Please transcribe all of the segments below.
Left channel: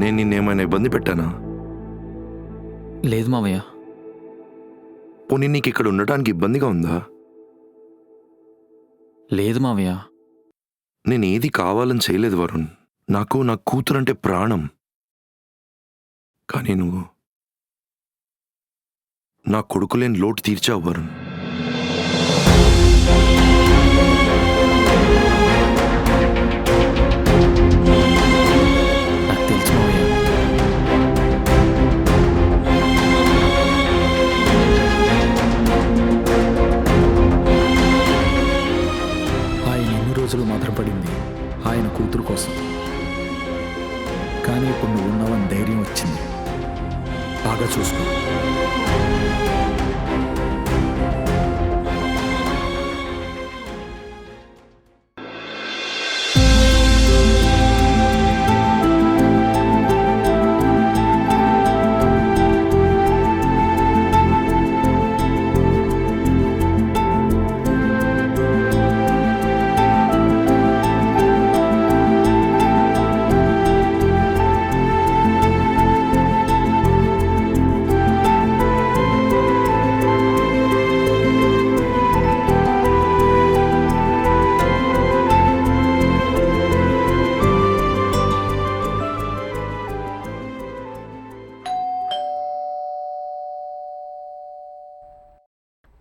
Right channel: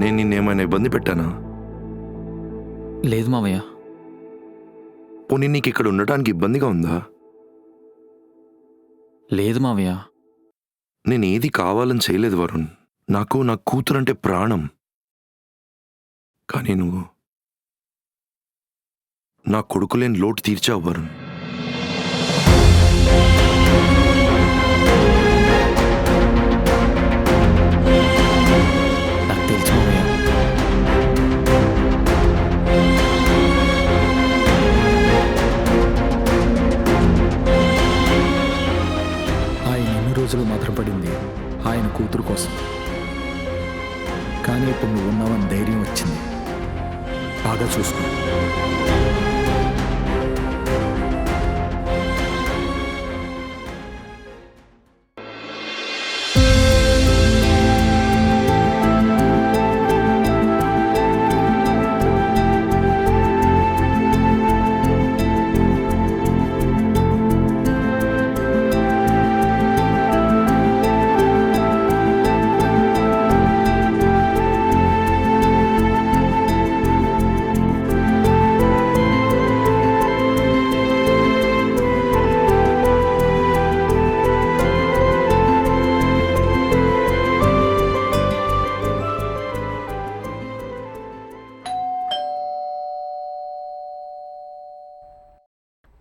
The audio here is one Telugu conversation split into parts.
నేను నిన్నేమైనా ఇబ్బంది పెట్టానా? లేదు మావయ్య. పోనీ నీకు ఇక్కడ ఉండటానికి ఇబ్బందిగా ఉందా? లేదు మావయ్య. నేనేది కావాలని చేయలేదు వరుణ్. నాకు నా కూతురంటే ప్రాణం. కానీ నువ్వు నా కొడుకులేని లోటు తీర్చావు వరుణ్. నాకు తెలుసు మావయ్య. ఆయన ఎన్ని రోజులు మాత్రం పడింది ఆయన కూతురు కోసం. కానీ ఇప్పుడు నువ్వు ఉన్నావని ధైర్యం వచ్చింది. బాగా చూసుకో.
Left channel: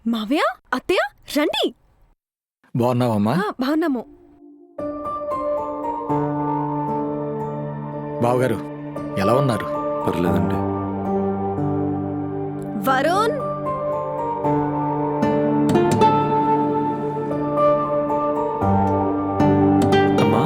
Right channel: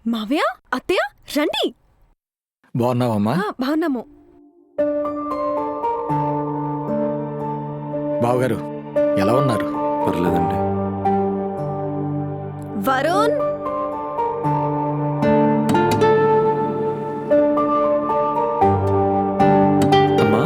మావయ్య, అత్తయ్య రండి. బాగున్నావమ్మా? బాగున్నాము. బావగారు ఎలా ఉన్నారు? పర్లేదండి. వరుణ్, అమ్మా,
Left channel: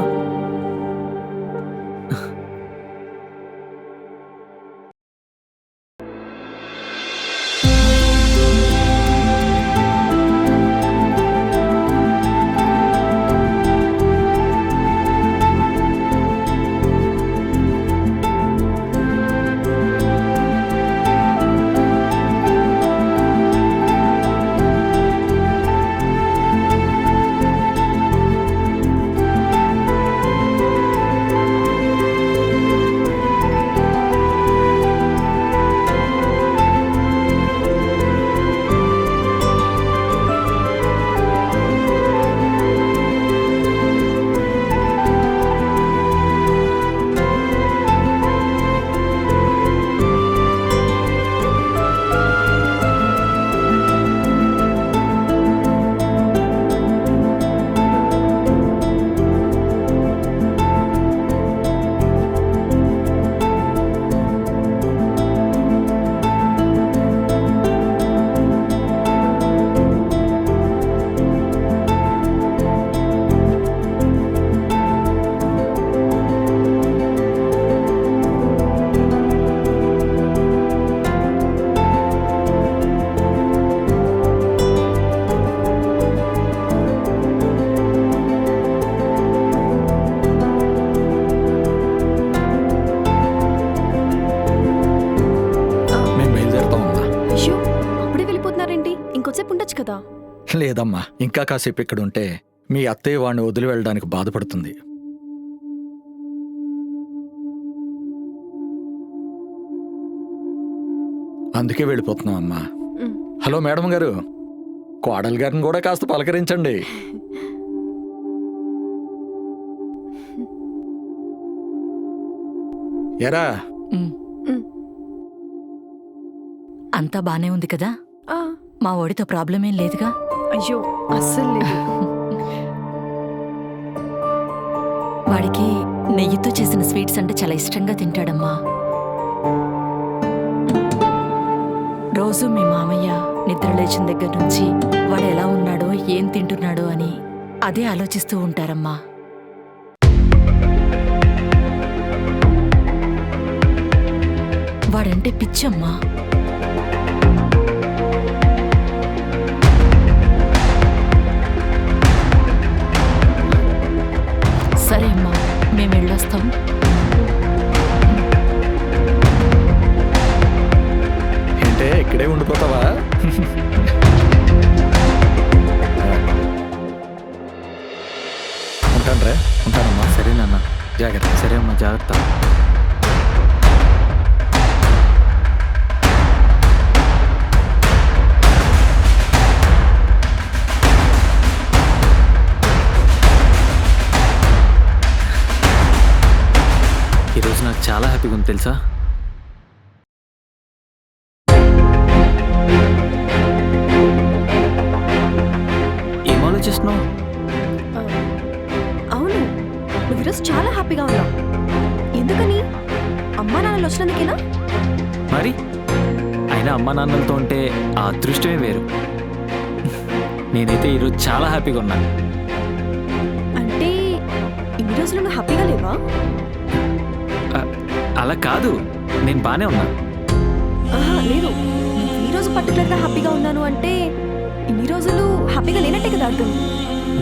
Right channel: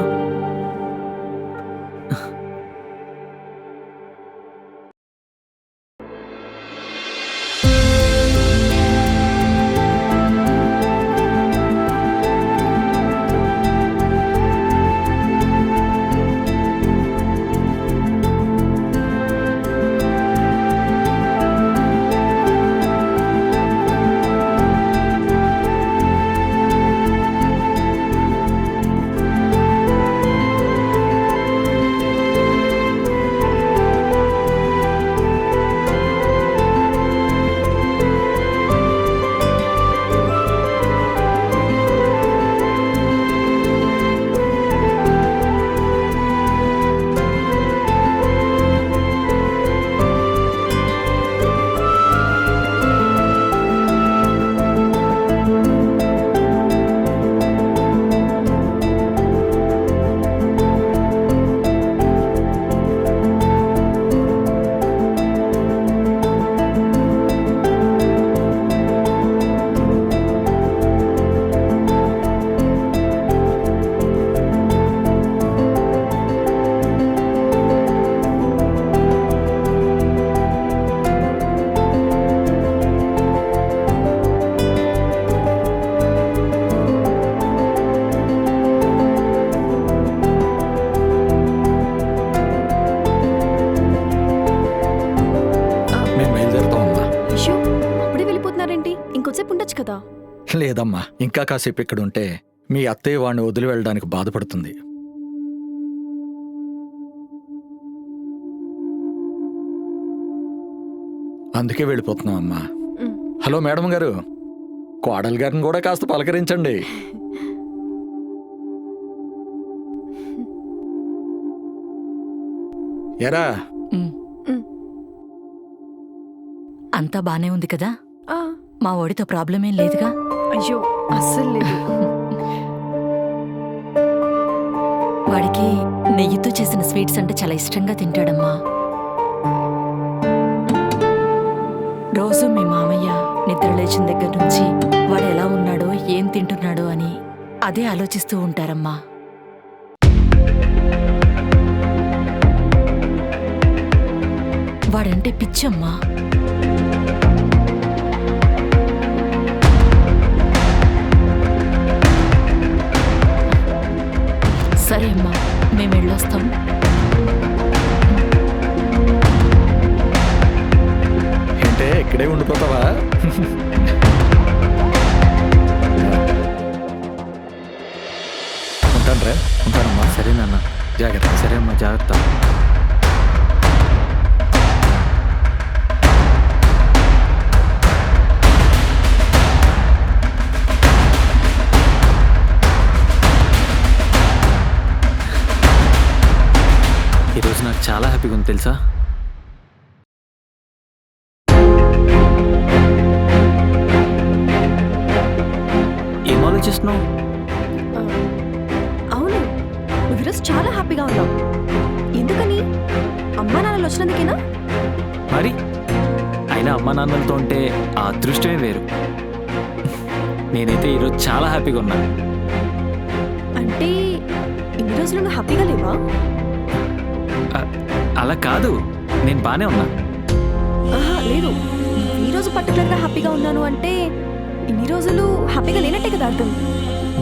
మేము బయలుదేరుతామమ్మా. అయ్యో అప్పుడే వెళ్ళిపోతున్నారేంటి? ఇంకొంచెంసేపు ఉండొచ్చు కదా. లేదమ్మా, ఇంకా కాసేపు ఇక్కడ ఉంటే మీ అత్తయ్య వాడిని వదిలి వెళ్ళడానికి బాధపడుతుంది. అందుకే వెళ్ళిపోతున్నామమ్మా. ఉమ్. హలో మేడం గారు, కోడలు గారిని కూడా కాస్త పలకరించండి. ఎరా అంతా బానే ఉంది కదా? ఆ, మా ఓడితో ప్రాబ్లం ఏం లేదుగా? అయ్యో అస్సలు లేదు. వాడికి నెయ్యితో చేసిన స్వీట్స్ అంటే చాలా ఇష్టంగా తింటాడమ్మా. రోజు మీ మామయ్య నిద్ర లేచిన దగ్గర నుంచి వాడు ఎలా ఉన్నాడో ఏం తింటున్నాడో అని అదే ఆలోచిస్తూ ఉంటారమ్మా. వాడంటే పిచ్చమ్మా. సరే అమ్మా, మేము వెళ్ళొస్తాం. ఏంటే ఇక్కడే ఉండిపోతావా? ఉంటానమ్మా. సరే నాన్న. జాగ్రత్త. సరే అమ్మా, జాగ్రత్త. నాకు చాలా హ్యాపీగా ఉంది తెలుసా. ఏం ఆలోచిస్తున్నావు? ఆ, అవును, నువ్వు ఈరోజు చాలా హ్యాపీగా ఉన్నావు. ఎందుకని? అమ్మా నాన్నలు వచ్చినందుకేనా? మరి అయినా అమ్మా నాన్నలతో ఉంటే ఆ అదృష్టమే వేరు. నేనైతే ఈరోజు చాలా హ్యాపీగా ఉన్నా. అంటే ఇన్ని రోజులు నువ్వు హ్యాపీగా లేవా? అలా కాదు, నేను బానే ఉన్నా. ఆహా, లేదు, నువ్వు ఈ రోజు పర్టికులర్గా హ్యాపీగా ఉన్నాను అంటే ఇన్ని రోజులు హ్యాపీగా లేనట్టే కదా అర్థం.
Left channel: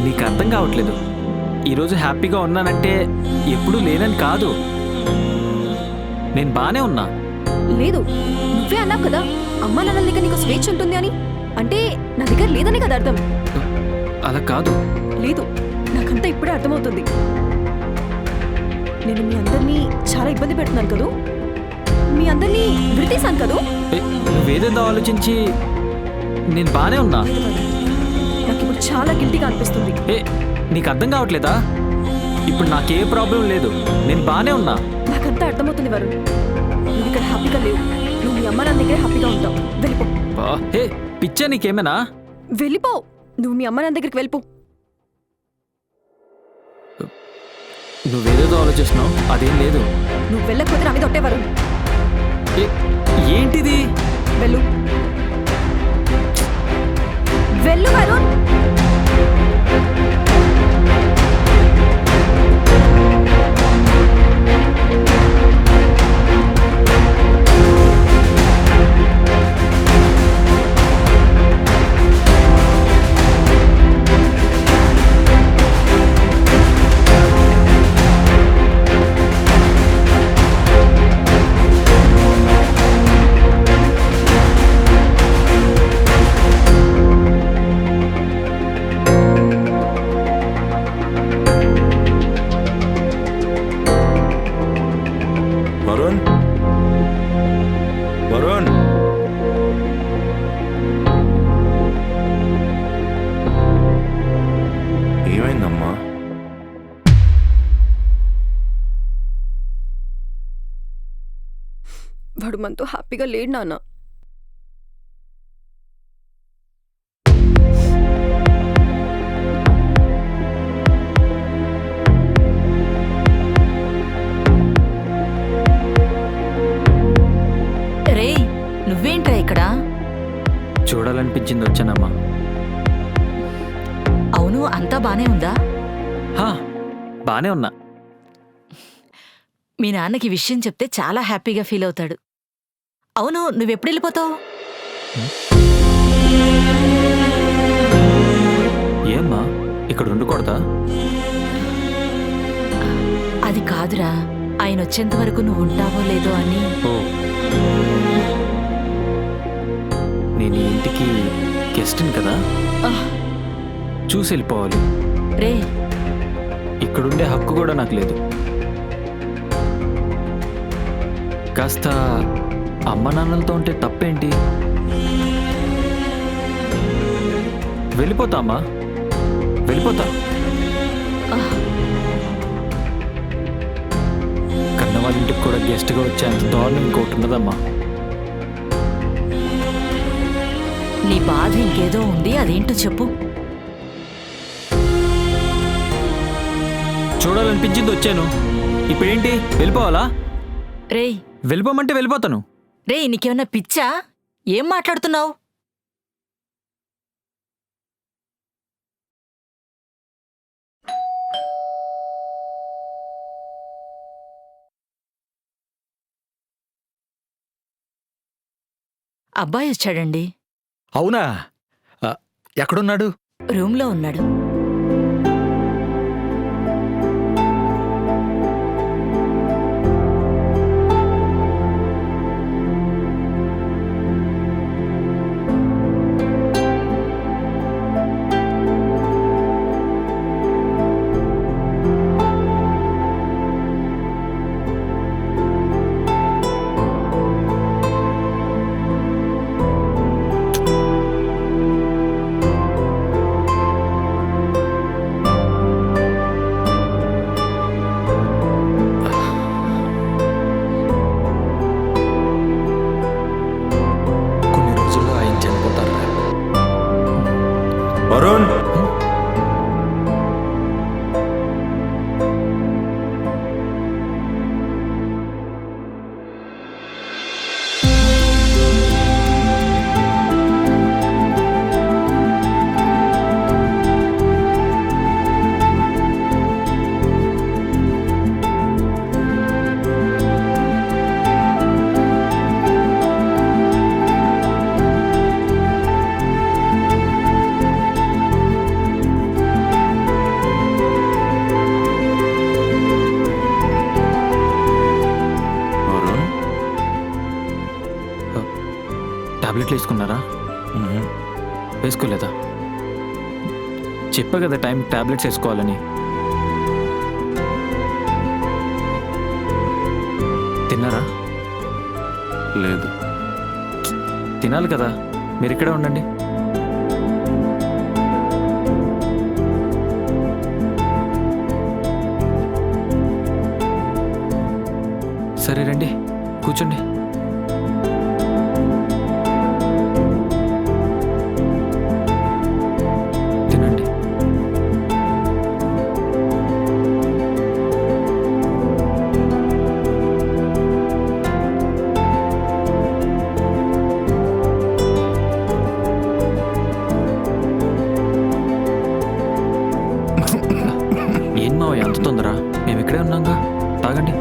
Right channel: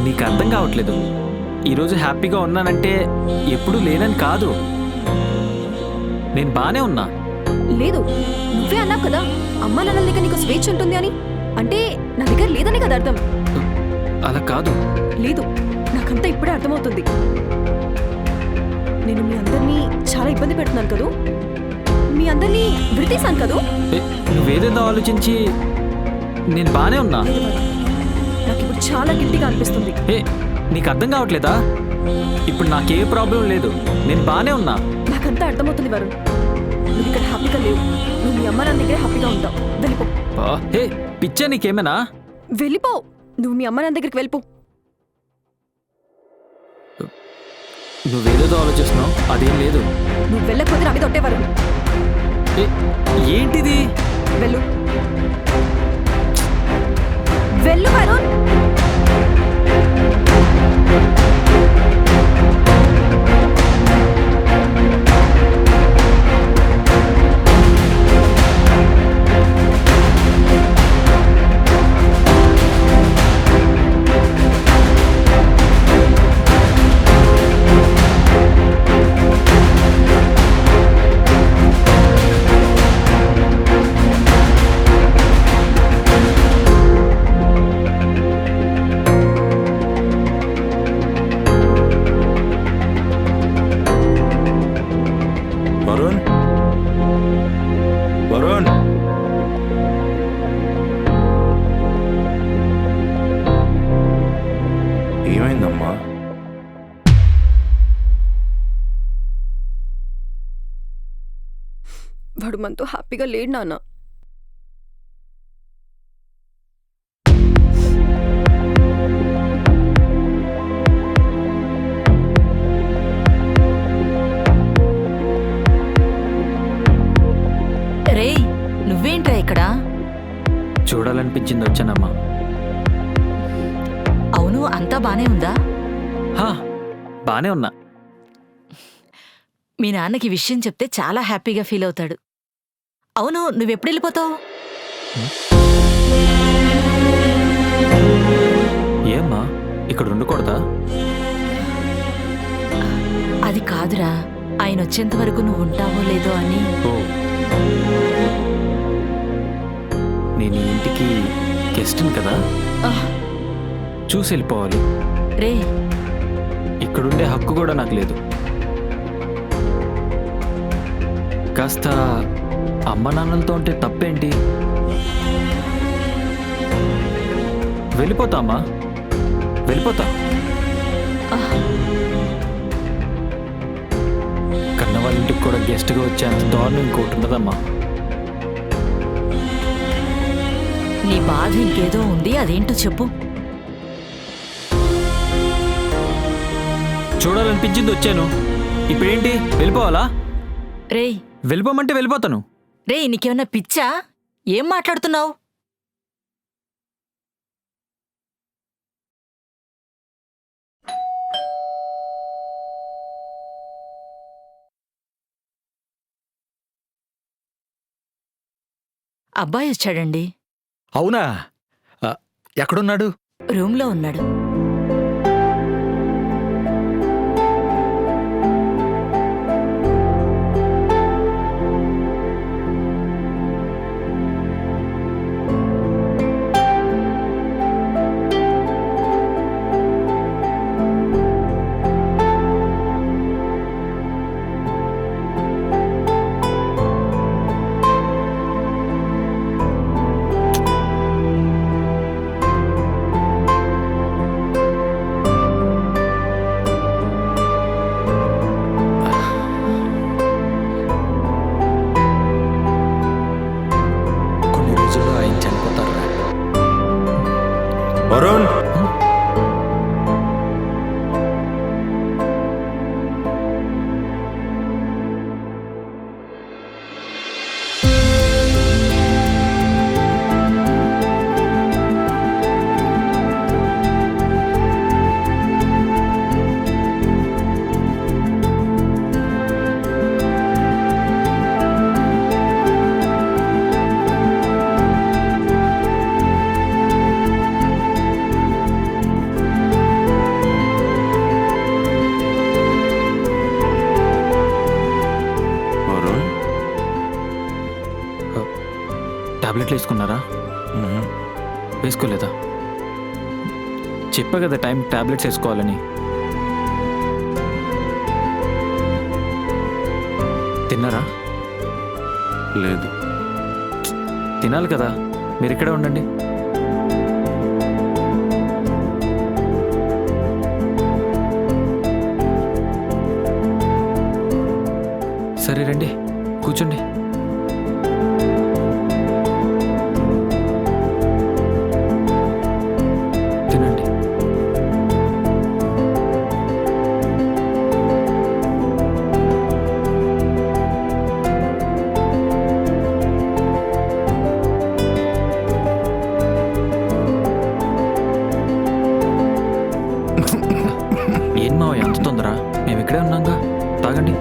నీకు అర్థం కావట్లేదు. ఈరోజు హ్యాపీగా ఉన్నానంటే ఎప్పుడూ లేనని కాదు, నేను బానే ఉన్నా. లేదు, నువ్వే అన్నావు కదా అమ్మా నాన్నల దగ్గర నీకు స్వేచ్ఛ ఉంటుంది అని. అంటే నా దగ్గర లేదని కదా అర్థం. అలా కాదు. లేదు, నాకంతా ఇప్పుడే అర్థమవుతుంది. నేను మీ అందరినీ చాలా ఇబ్బంది పెడుతున్నాను కదూ, మీ అందరినీ విడతీశాను కదూ. నువ్వేదేదో ఆలోచించి నేను బానే ఉన్నా. లేదు వరుణ్, నాకు ఇప్పుడు చాలా గిల్టీగా అనిపిస్తుంది. నీకు అర్థం కావట్లేదా? ఇప్పుడు నాకే ప్రాబ్లం లేదు, నేను బానే ఉన్నా. నాకంతా అర్థమవుతుంది వరుణ్, నువ్వు ఇక్కడ హ్యాపీగా లేవు. నువ్వు మీ అమ్మ నాన్న దగ్గరే హ్యాపీగా ఉంటావు. వెళ్ళిపో. పిచ్చా నీకేమైనా? వెళ్ళిపో, నువ్వు మీ అమ్మ నాన్న దగ్గరికి వెళ్ళిపో. నువ్వేదేదో ఆలోచిస్తున్నావు, అదేం లేదు. నువ్వు వెళ్ళకపోతే నా మీద ఒట్టే వరుణ్. ఏంటిది? వెళ్ళు, వెళ్ళు వరుణ్. వరుణ్, వరుణ్, ఏమైందమ్మా? వాడు మనతో హ్యాపీగా లేడు నాన్న. రే, నువ్వేంట్రా ఇక్కడ? చూడాలనిపించింది వచ్చానమ్మా. అవును, అంతా బానే ఉందా? బానే ఉన్నా. మీ నాన్నకి విషయం చెప్తే చాలా హ్యాపీగా ఫీల్ అవుతాడు. అవును, నువ్వెప్పుడు వెళ్ళిపోతావు? ఏమ్మా, ఇక్కడ ఉండకూడదా? అది కాదురా, ఆయన వచ్చేంత వరకు నువ్వు ఉంటావో లేదో అని. ఓ, నేను ఈ ఇంటికి గెస్ట్ని కదా, ఆహ్, చూసి వెళ్ళిపోవాలి. రే, ఇక్కడుండే హక్కు కూడా నాకు లేదు. కాస్త అమ్మ నాన్నలతో ఉంటే తప్పేంటి? వెళ్ళిపోతా అమ్మా, వెళ్ళిపోతా. ఆహ్, కన్న వాళ్ళ ఇంటికి కూడా గెస్ట్గా వచ్చేంత దారుణం ఇంకోటి ఉండదమ్మా. నీ బాధ ఇంకేదో ఉంది, అదేంటో చెప్పు. చూడాలనిపించింది వచ్చాను, ఇప్పుడేంటి వెళ్ళిపోవాలా? రేయ్, వెళ్ళిపోమంటే వెళ్ళిపోతాను. రేయ్, నీకేమన్నా పిచ్చా? ఏం మాట్లాడుతున్నావు? అబ్బాయి వచ్చాడండి. అవునా? ఎక్కడున్నాడు? రూమ్లో ఉన్నాడు. రోజుల్లో ఆయన చనిపోతారా? వరుణ్, వరుణ్. టాబ్లెట్లు వేసుకున్నారా? వేసుకోలేదా? చెప్పా కదా టైం టాబ్లెట్స్ వేసుకోవాలని. తిన్నారా? లేదు. తినాలి కదా, మీరు ఇక్కడే ఉండండి. సరే రండి, కూర్చోండి. తినండి. ఏం మావయ్య అంత తొందర? మేము ఇక్కడే ఉన్నాంగా, తాగండి.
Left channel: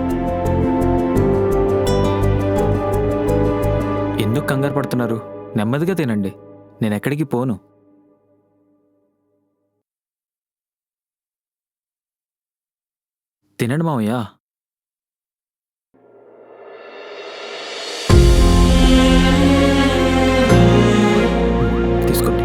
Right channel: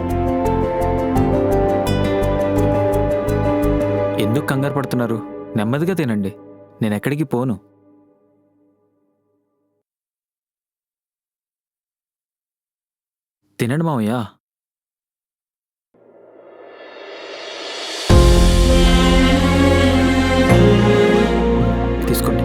ఎందుకు కంగారు పడుతున్నారు? నెమ్మదిగా తినండి, నేను ఎక్కడికి పోను. తినండి మావయ్య. తీసుకోండి.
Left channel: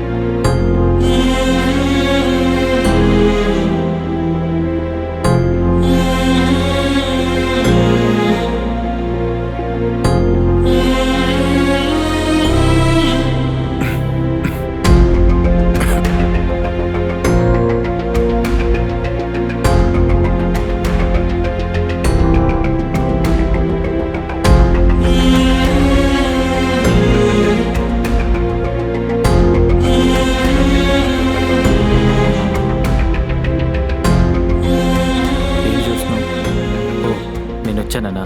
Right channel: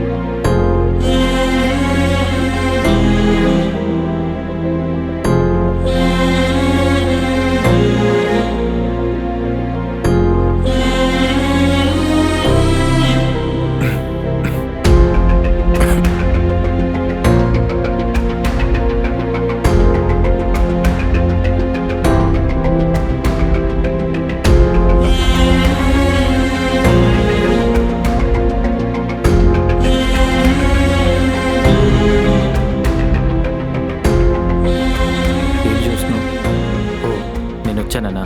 వచ్చానా?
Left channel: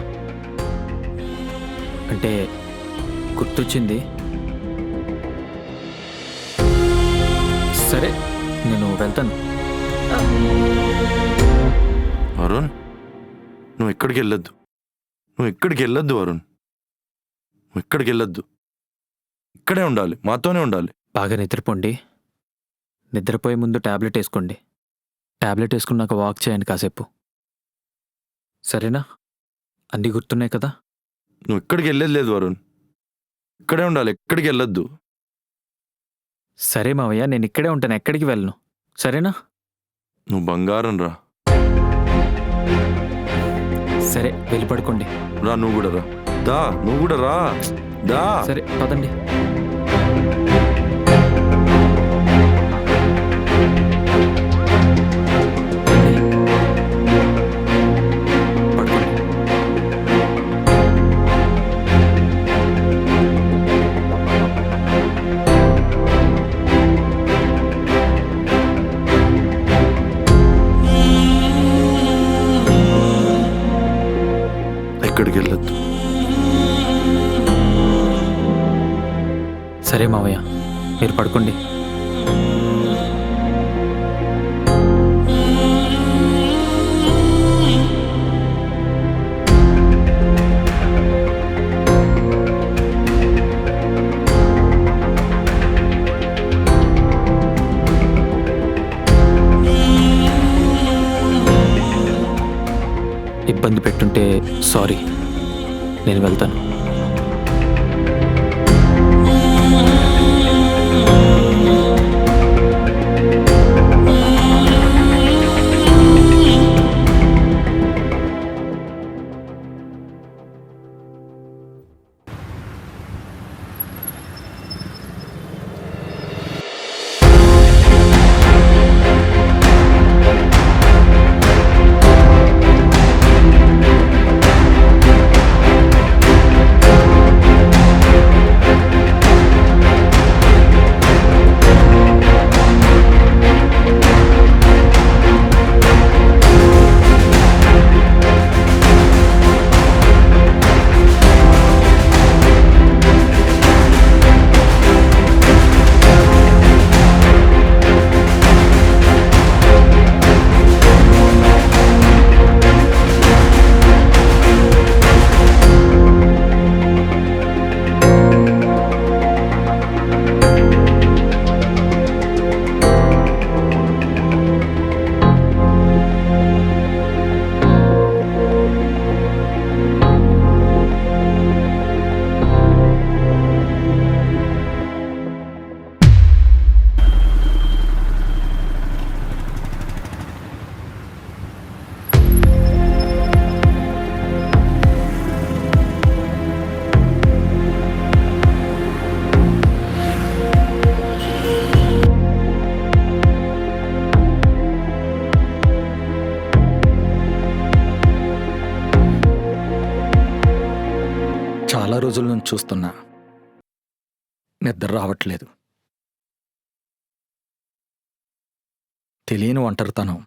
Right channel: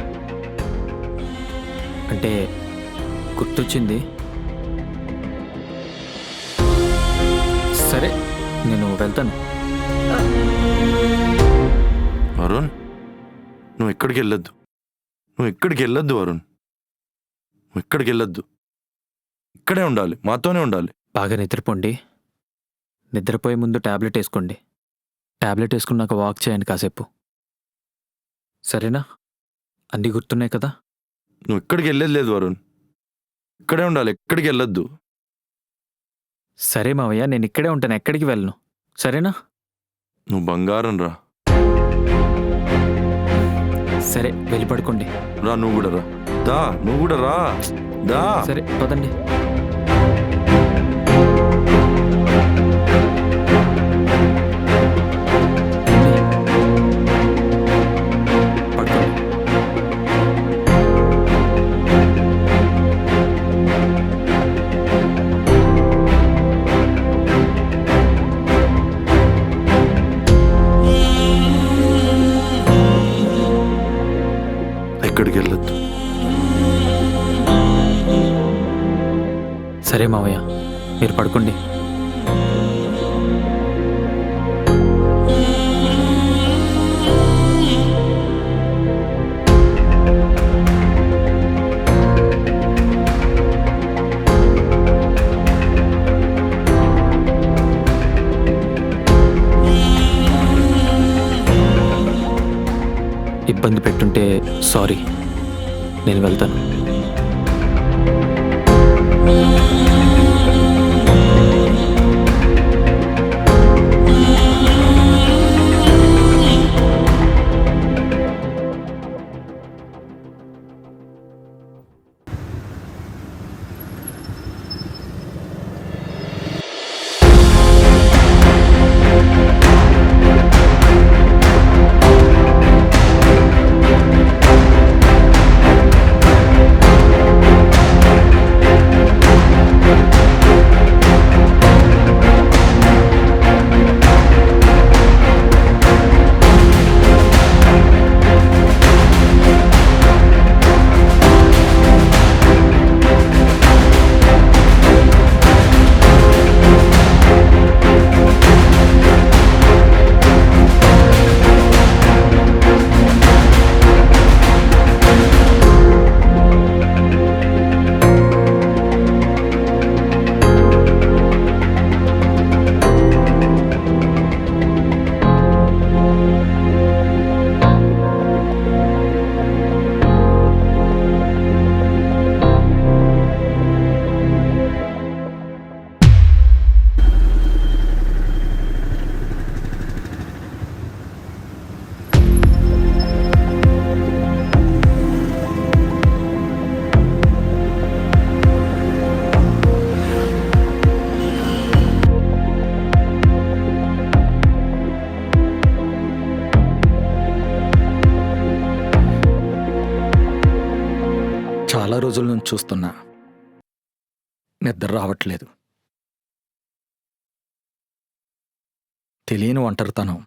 అంటే గుర్తొచ్చింది. సరే నేను వెళ్తాను. వరుణ్, నువ్వు ఎక్కడికి వెళ్ళొద్దు. నువ్వు ఎక్కడికి వెళ్ళొద్దు వరుణ్. నువ్వు ఎక్కడికి వెళ్ళొద్దు. ఇక్కడే ఉండాలి, మాతోనే ఉండాలి. బాగా నిద్రపోండి. నిద్రపోయే ముందు టాబ్లెట్ వేసుకోండి. టాబ్లెట్ వేసుకున్నాక వాక్ చేయండి కాసేపు. సరేనా? అన్నీ గుర్తున్నాయి కదా? నువ్వు ఎక్కడికి వెళ్ళేది లేదు వరుణ్. ఇక్కడే ఉండాలి, ఎక్కడికి వెళ్ళొద్దు. సరే మావయ్య, నేను ఇక్కడే ఉంటాను, ఎక్కడికి వెళ్ళను. సరేనా? నువ్వు బంగారం రా. సరే వెళ్ళి పడుకోండి. రా, నువ్వు కూడా రా. దా, నువ్వు కూడా రా. దా. సరే పదండి. ఎక్కడికి వెళ్ళొద్దు. సరే మావయ్య, మీరు పడుకోండి. ఇబ్బంది పెట్టుంటే సారీ, నేను వెళ్తాను. రోజుల నుంచి చూస్తున్నా. నిద్ర రావట్లేదు. తెలియని ఒంటరితనం.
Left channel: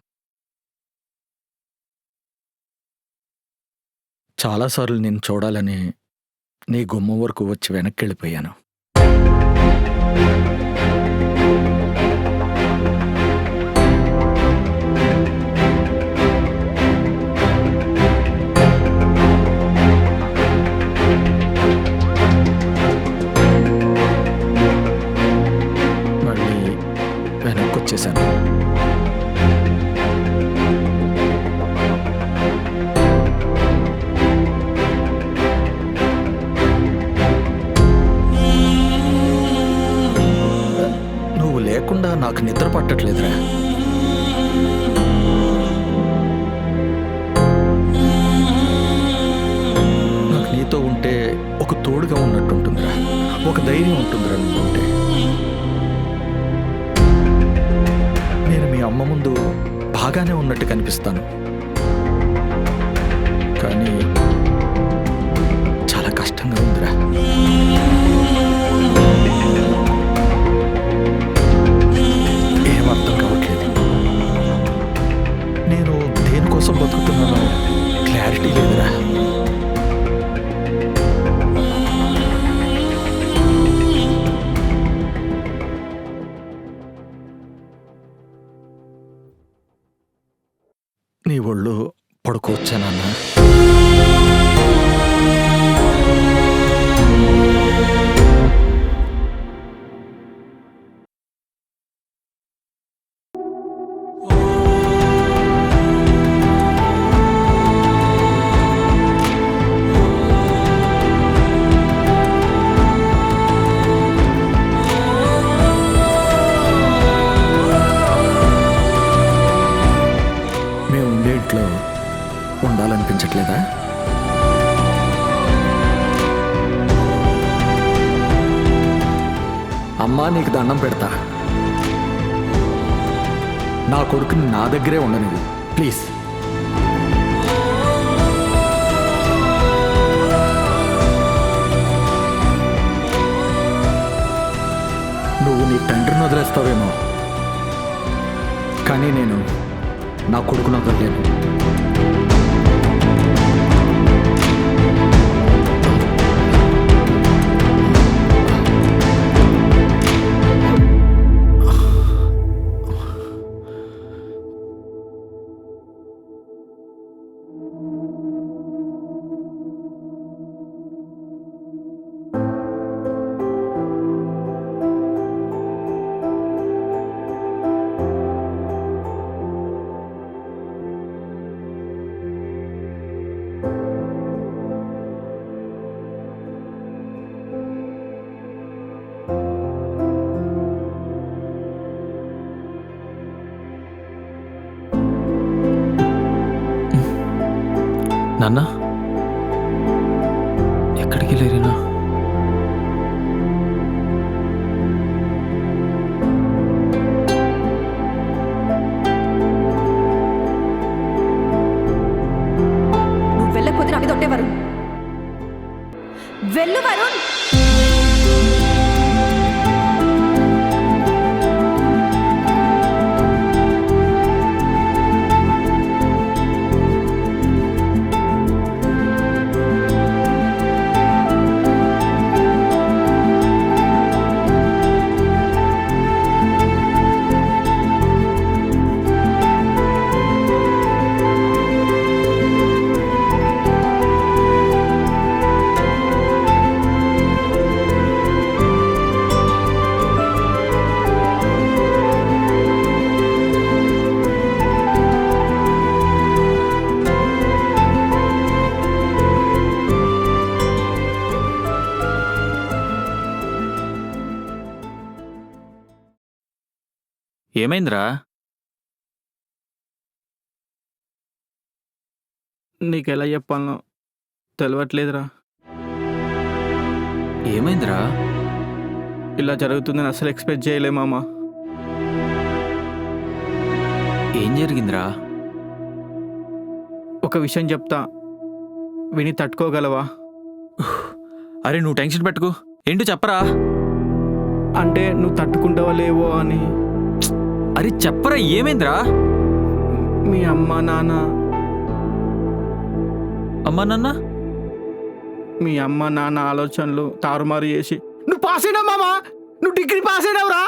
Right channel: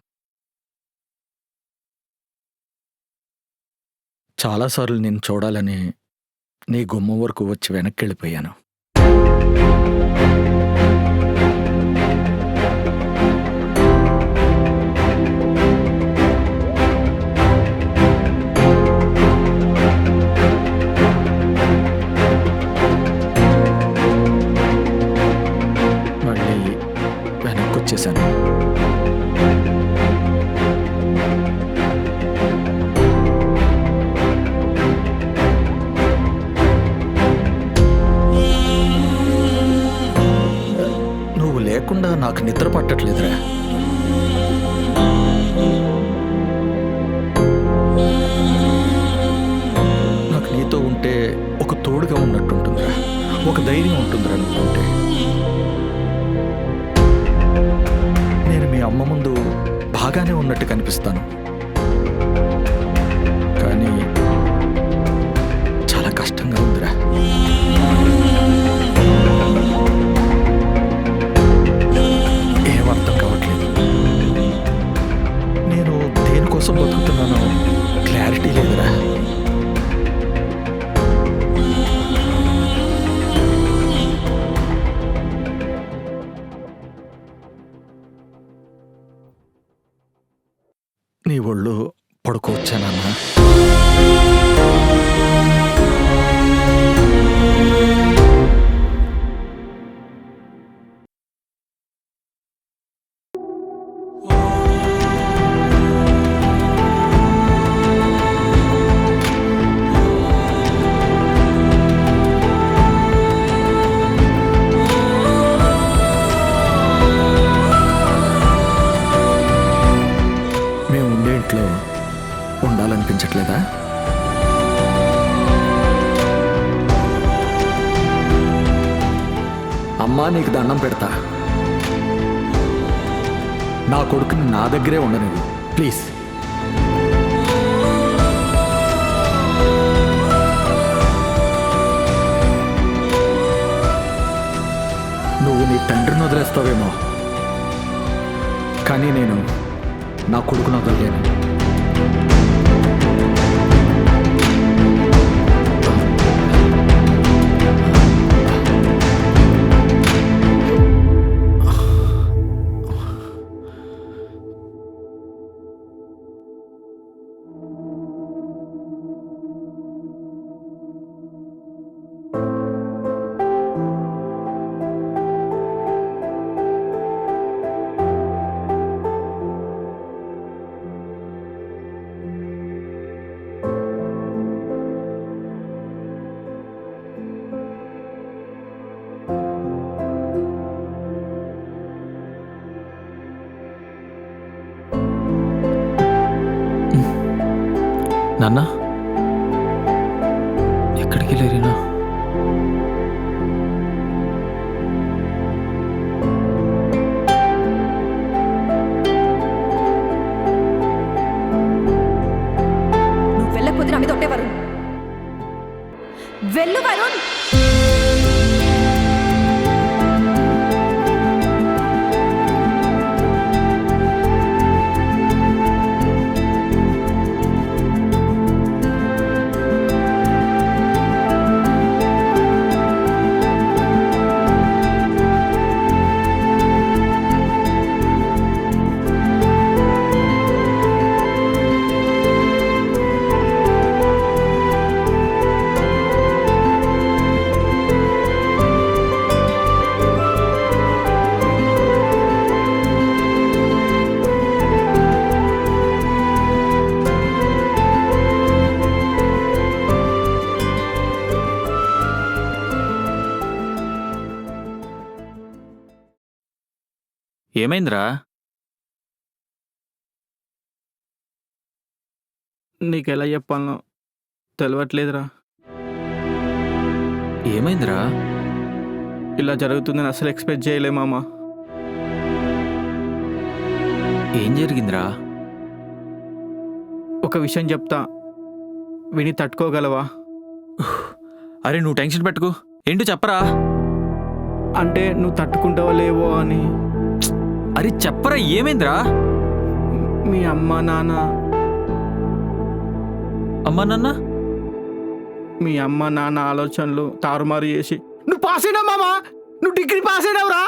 చాలాసార్లు నేను చూడాలని నీ గుమ్మం వరకు వచ్చి వెనక్కి వెళ్ళిపోయాను. మళ్ళీ వెనక్కి వచ్చేసాను. నువ్వు లేకుండా నాకు నిద్ర పట్టట్లేదురా. నాకు నీతో ఉంటే ఒక తోడుగా ఉన్నట్టుంటుందిరా, ఒక ధైర్యం ఉంటుందిరా నువ్వు ఉంటే. నేను మీ అమ్మ ముందు బాగానే ఉన్నట్టు కనిపిస్తాను, కానీ చాలా కష్టంగా ఉందిరా. ఏం అర్థం కావట్లేదు. నేను దేనికోసం బతుకుతున్నానో క్లారిటీ లేదురా. నీ ఒళ్ళు పడుకోవచ్చా నాన్న? మేము ఉండే ఇంట్లో ఉండాలనిపించట్లేదా? అమ్మా, నీకు దండం పెడతా, నా కొడుకుని నా దగ్గరే ఉండనివ్వు ప్లీజ్. నువ్వు నీ తండ్రిని వదిలేస్తావేమో, కానీ నేను నా కొడుకును వదలలేను. నాన్న, ఎక్కడికి లేరినా? నువ్వు వెళ్ళకపోతే నా మీద ఒట్టే వరుణ్. వెళ్ళు వరుణ్. ఏమైందిరా? నీకెలా చెప్పాలనో తెలియట్లేదురా. ఏమైందిరా? ఇలా జరుగుతుందని అసలు ఎక్స్పెక్ట్ చేయలే మామ. ఏం జరిగిందిరా? ఒక విషయం చెప్తా, విని తట్టుకోగలవా? అరే నువ్వు టెన్షన్ పెట్టుకు, ఏంటో చెప్పరా. అంటే నువ్వు తట్టుకుంటావో లేవో అని. అరే చెప్పరా, ఏమైందిరా? మీ అమ్మ నాన్న అమ్మా నాన్న మీ అమ్మ నాన్న ఆలోచనలు తారుమారు చేసి నువ్వు పాస్ అయినావు మామ, నువ్వు డిగ్రీ పాస్ అయినావురా.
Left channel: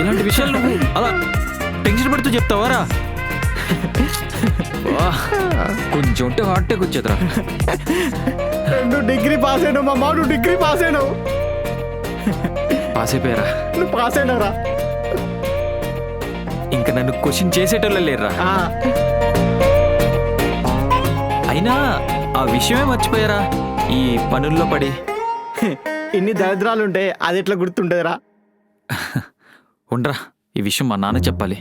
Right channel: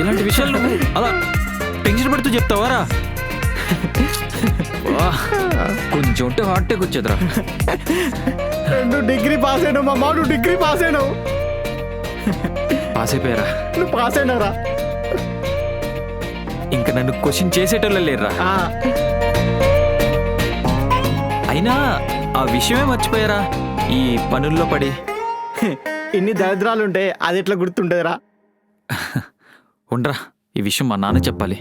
ఇలాంటి విషయాలు నువ్వు అలా టెన్షన్ పడుతూ చెప్తావారా? వా, కొంచెం ఉంటే హార్ట్ అటాక్ వచ్చేదిరా. నువ్వు డిగ్రీ పాస్ అయినావు మామ, నువ్వు డిగ్రీ పాస్ అయినావు. పాస్ అయిపోయారా? నువ్వు పాస్ అయినావురా. ఇంకా నన్ను క్వశ్చన్ చేసేటోళ్ళ లేరురా. అయినా ఆ విషయమే మర్చిపోయారా ఈ పనుల్లో పడి. ఇన్ని దరిద్రాలు ఉంటే అది ఎట్లా గుర్తుండదురా. ఉండరా, ఈ విషయం మా నాన్న చెప్పాలి.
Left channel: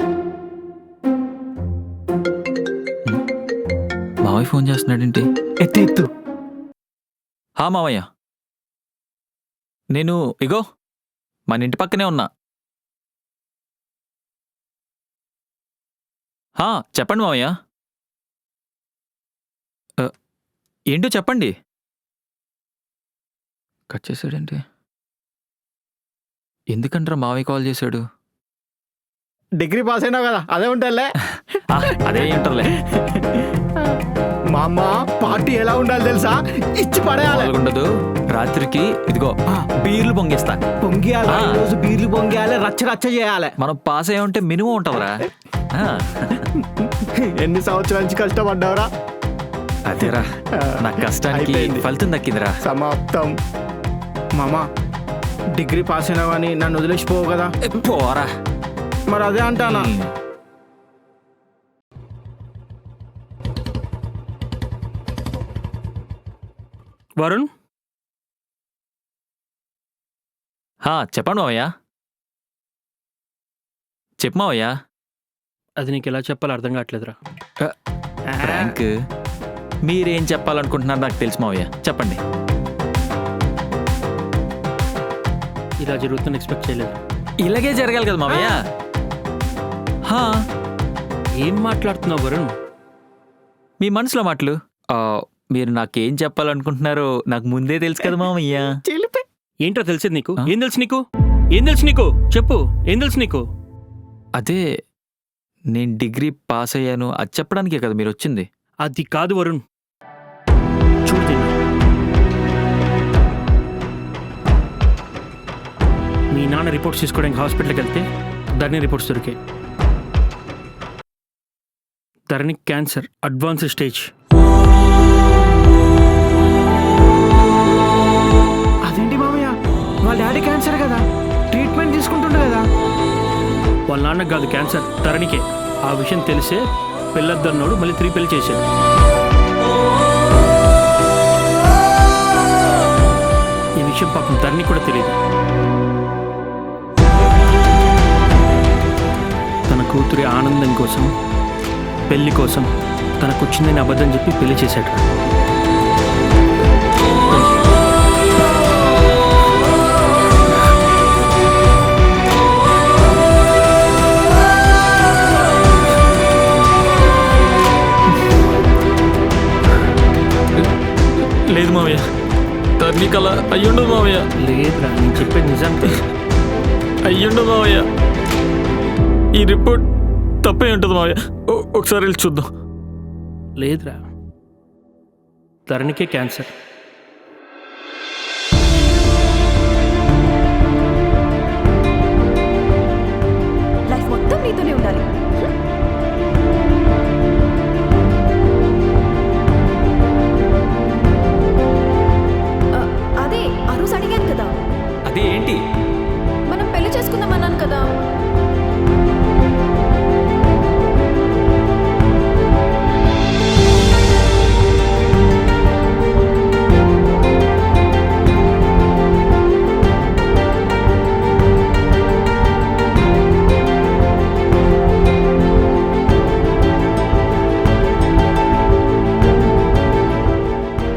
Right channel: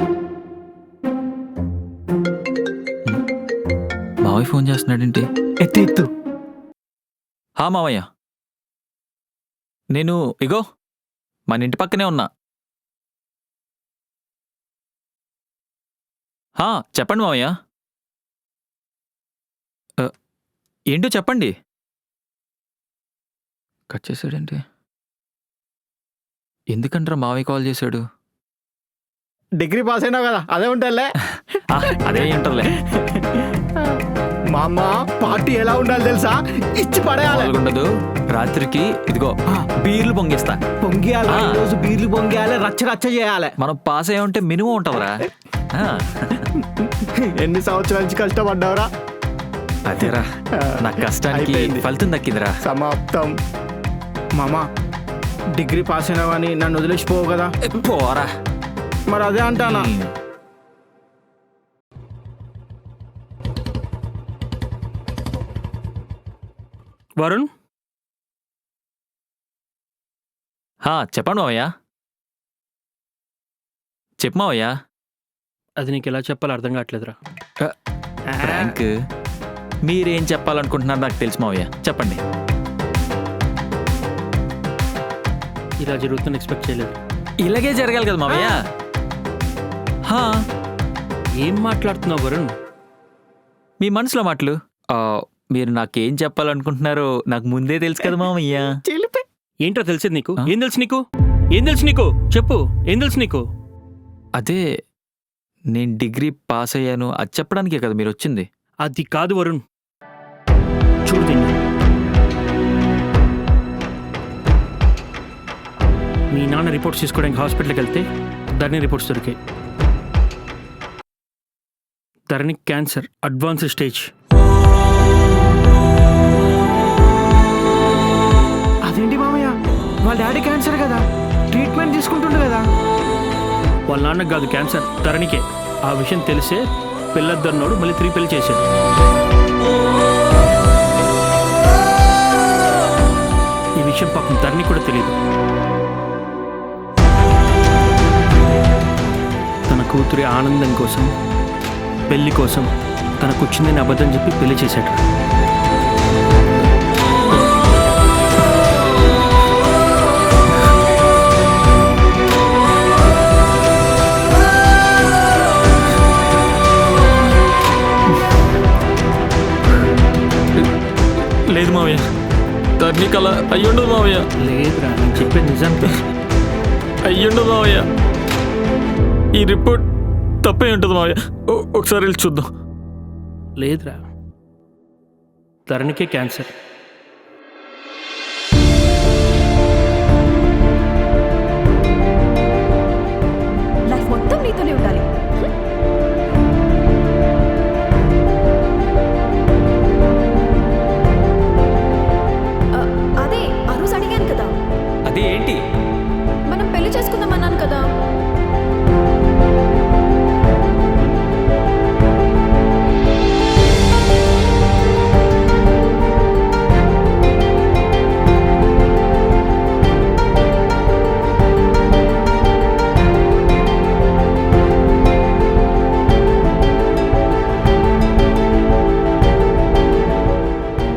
మావయ్య ఫోన్ చేస్తున్నాడేంటి? ఎత్తు. హా మావయ్య, నేను ఇగో మన ఇంటి పక్కనే ఉన్నా. హా చెప్పండి మావయ్య. ఏంటో చెప్పండి. కట్ చేశాడేంటి? ఎందుకంటారా మావయ్య కాల్ చేశాడు? డిగ్రీ పాస్ అయినావు కదా, అదే ఉంటాలే. అదే ఏంటలే. మా అమ్మ పార్టీ ఎలా ఉండాలి తెలుసా? ఇచ్చి పడేయాలి. ఉండదు, రాత్రికి ఇదిగో బీర్లు పొంగిస్తా. పొంగియాలి, రోజు బీర్లు పొంగియాలి, రచ్చ రచ్చ చేయాలి. మనం పాస్ అయ్యా ఉంటే మినిమం ఉంటుందిరా. ఎన్ని సంవత్సరాల నుంచి కష్టపడ్డావురా. అదేరా, నా కష్టానికి ఫలితం దక్కిందిరా. సమాప్తం. మామ డిగ్రీ పాస్ అయినావు అని నన్ను వదిలేసిపోవు కదా. పోరా. మరి అదే అంటానా. వరుణ్, చెప్పండి మావయ్య. చెప్పు మావయ్య. అది నీకు ఎలా చెప్పాలో అర్థం కావట్లేదురా. ఫ్రాంక్, మీరేం చెప్పాలనుకుంటున్నారు నాకు తెలుసు మావయ్య, చెప్పండి. ఇలా జరుగుతుందని ఎక్స్పెక్ట్ చేయలేదు. ఇలాగే జరగాలి కదా మావయ్య. ఏం మాట్లాడుతున్నావు వరుణ్? మీ మనసులో మాటలు. మీరు నాకేం చెప్పాలనుకుంటున్నారో నాకు ముందే తెలుసు కదా మావయ్య. ఏంటో తెలిసేది నీకు? ఏం తెలుసు నీకు? ఏం తెలుసు నీకు? చెప్పు, ఏం తెలుసు నీకు? అదే నేను డిగ్రీ పాస్ అయ్యాను అది చెప్పడానికే కదా మీరు వచ్చింది. అది కాదు వరుణ్, చూడు దీన్ని. మీ నాన్న రిపోర్ట్స్ తీసుకోవడానికి హాస్పిటల్కి వెళ్తే ధరణి రిపోర్ట్స్ దొరికాయి. ధరణి క్యాన్సర్ అడ్వాన్స్డ్ స్టేజ్. అదేంటి మామయ్య, వాళ్ళ డాడీ క్యాన్సర్ కదా, ట్రీట్మెంట్ తీసుకుంటుండే కదా. వాళ్ళ నాన్నకు కాదు క్యాన్సర్, ధరణికే. ఆ విషయం తెలిసే పెళ్ళొద్దన్నోడు మళ్ళీ 3 పెళ్లి చేశాడు. ఈ విషయం పాపం ధరణి కూడా తెలియదు. తన కూతురి ఆనందం కోసం, పెళ్లి కోసం తనకు వచ్చిందని అబద్ధం చెప్పి పెళ్లి చేశాడు. లేదు మావయ్య, ధరణికి అలా అయ్యుండదు మావయ్య. లేదురా, నేను చెప్పేది నిజం రా. అయ్యుండదు మావయ్య, ఈ రిపోర్ట్ తప్పే ఉంటుంది మావయ్య. ఒకసారి వెళ్ళి చూద్దాం. లేదురా, ధరణికే క్యాన్సర్. లైఫ్ మొత్తం నీతోనే ఉండాలి. అదే ఆ రోజు అడిగాను కదా. అదే ఏంటి? మనం పెళ్లి చేసుకుందాం అన్నాను కదా.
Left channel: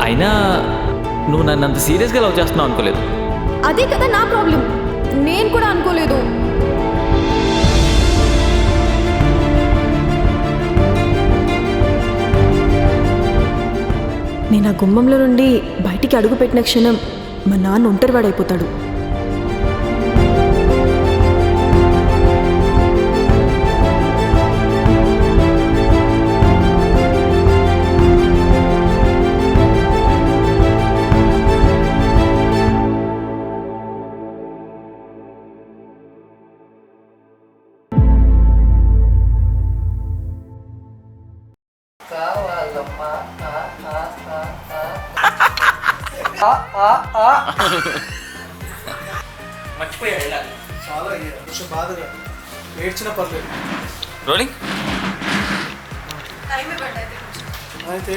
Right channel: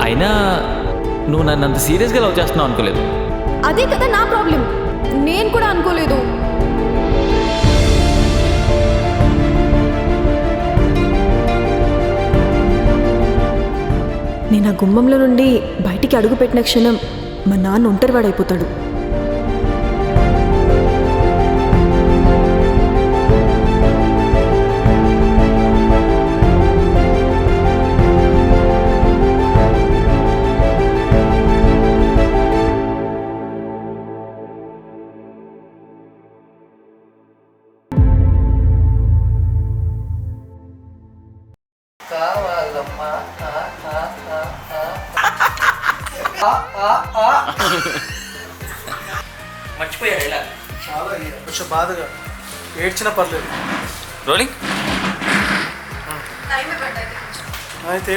అయినా నువ్వు నన్ను అంత సీరియస్గా లవ్ చేస్తున్నావు అనుకోలేదు. అదే కదా నా ప్రాబ్లం, నేను కూడా అనుకోలేదు. నేను ఆ గుమ్మంలో నుండి బయటికి అడుగు పెట్టిన క్షణం మా నాన్న ఒంటరివాడైపోతాడు. మర్చిపోయా ఇలా చాలా కొంచెం బాధగా ఏడ్చిన పర్లేదు. రోలింగ్. అయితే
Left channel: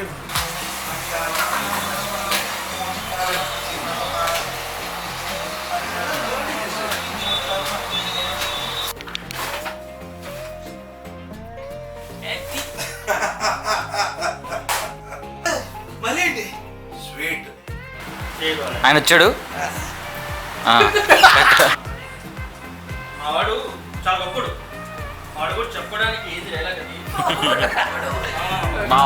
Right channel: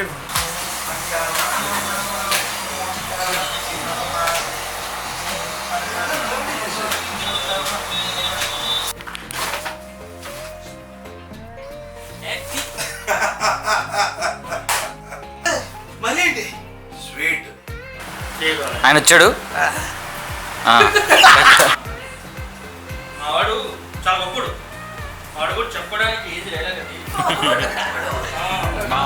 మళ్ళీ ఏంటి స్వీట్ ఆయన వచ్చాడు. మావాడు చాలా గొప్పడు. వాడు కూడా చెప్పుకోవడానికి ఏది లేదా మా